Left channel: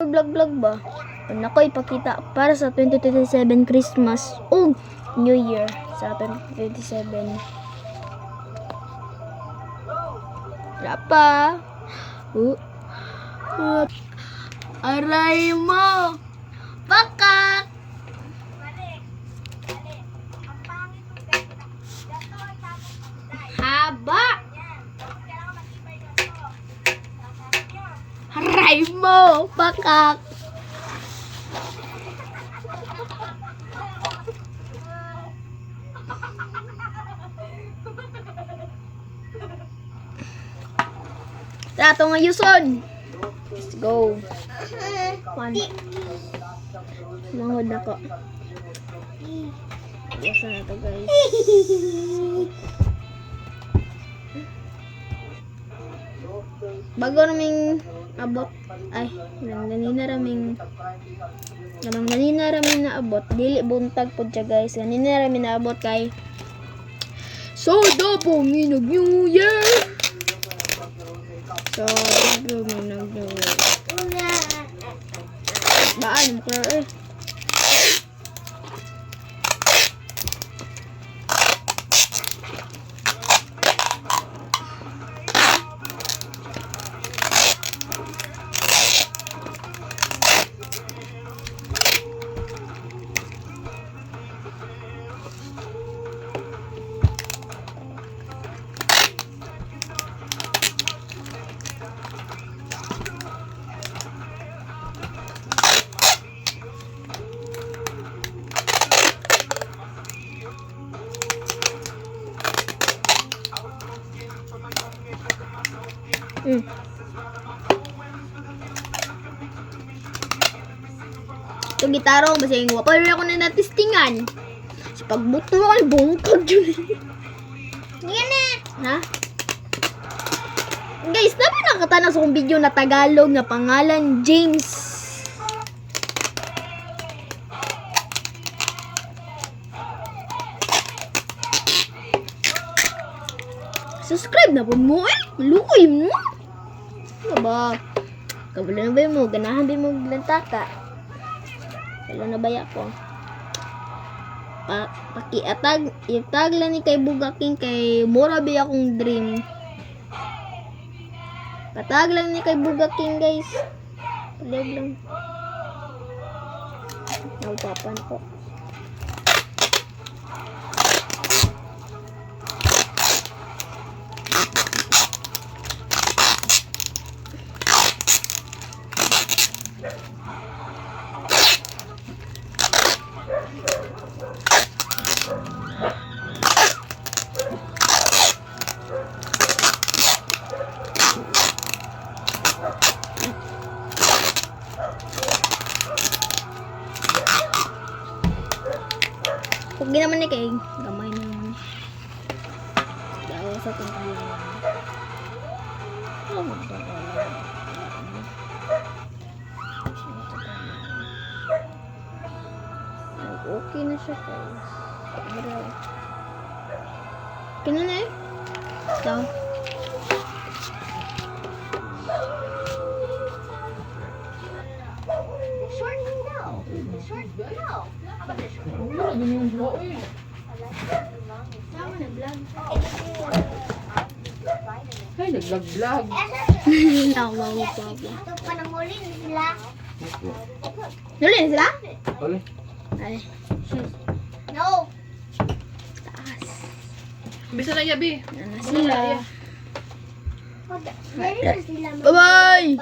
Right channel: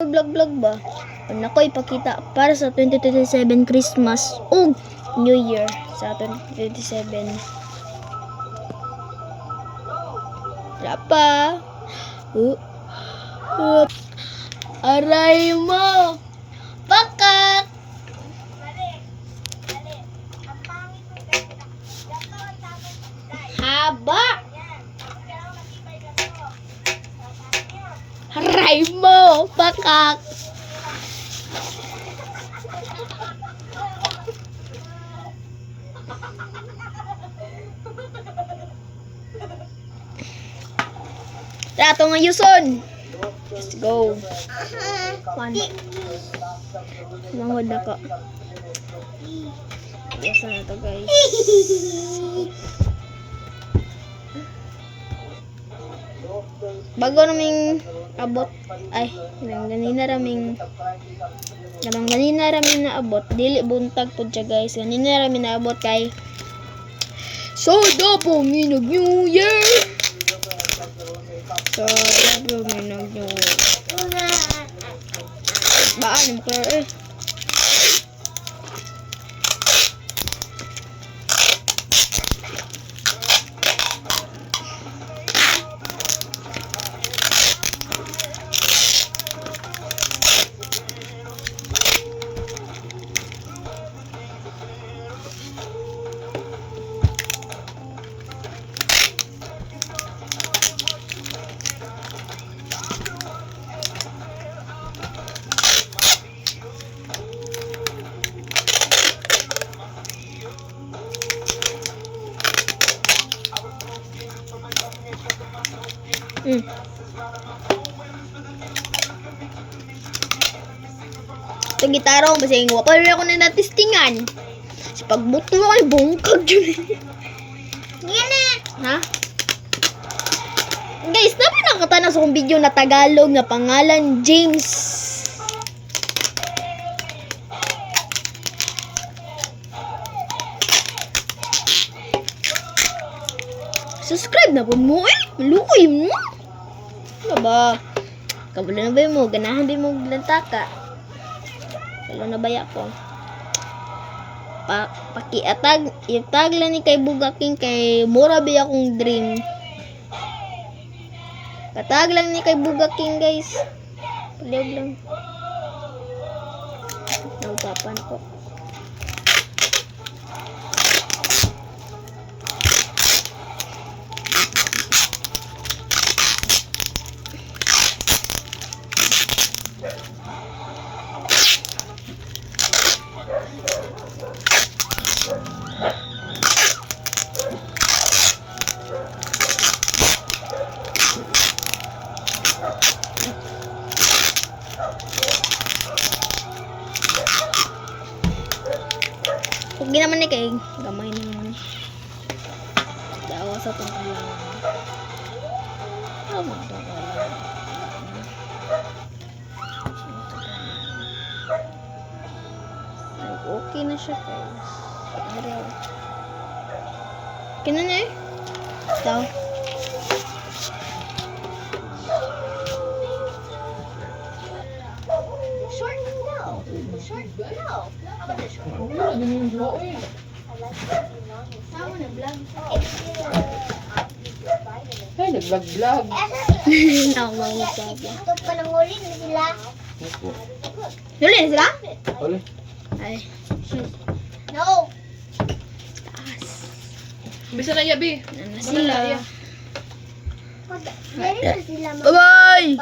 Vlog ba? Nako, ipakita para sa 2027 Christmas o New Year sa 2027. Wala pa. Aray mo! Pakak! Haba! Aray mo! Pakak! Rato nga yuson! Let's go! One. Mangod na ko. Yes na ito, guys. Bago naming abot, ay, ganina raming naabot, dili buntag po siya, guys. Ganina raming naabot kay Soda po minog New Year! Soda po minog New Year. Baan mo kaya eh. Ito gitaro, basing wapal na ako na natistingan. Sa pagbuto mo ay bungkag yun. Yan eh. Ha? Guys, dapat nakatana sa kong video na Tagalog na pangalan James. Subscribe na po mo eh. Malukoy mo. Ano ba? Kabalo na ba mo? Ganahan ba mo glantaka? Kalo na ba ako? Pakiatag, itag lang ni kay Bugaking kay mura ba akong dream. Patag lang ni kay Bugaking, guys. Paliog lang. Naupapan ko. Huwag naman eh kay gamay na naman. Dawa sa itong kailangan. Okay na siya, guys. Okay na eh. Ito. Short no. Short no. How about this short? Ay, nag-vlog-vlog. Tawa mo pa ba? Ito pa nang huli na sila. Huli na sila? Huli. Ay. No. Taas. Bisa na yabi. Ano na sila? Dari na sila. Bye-bye!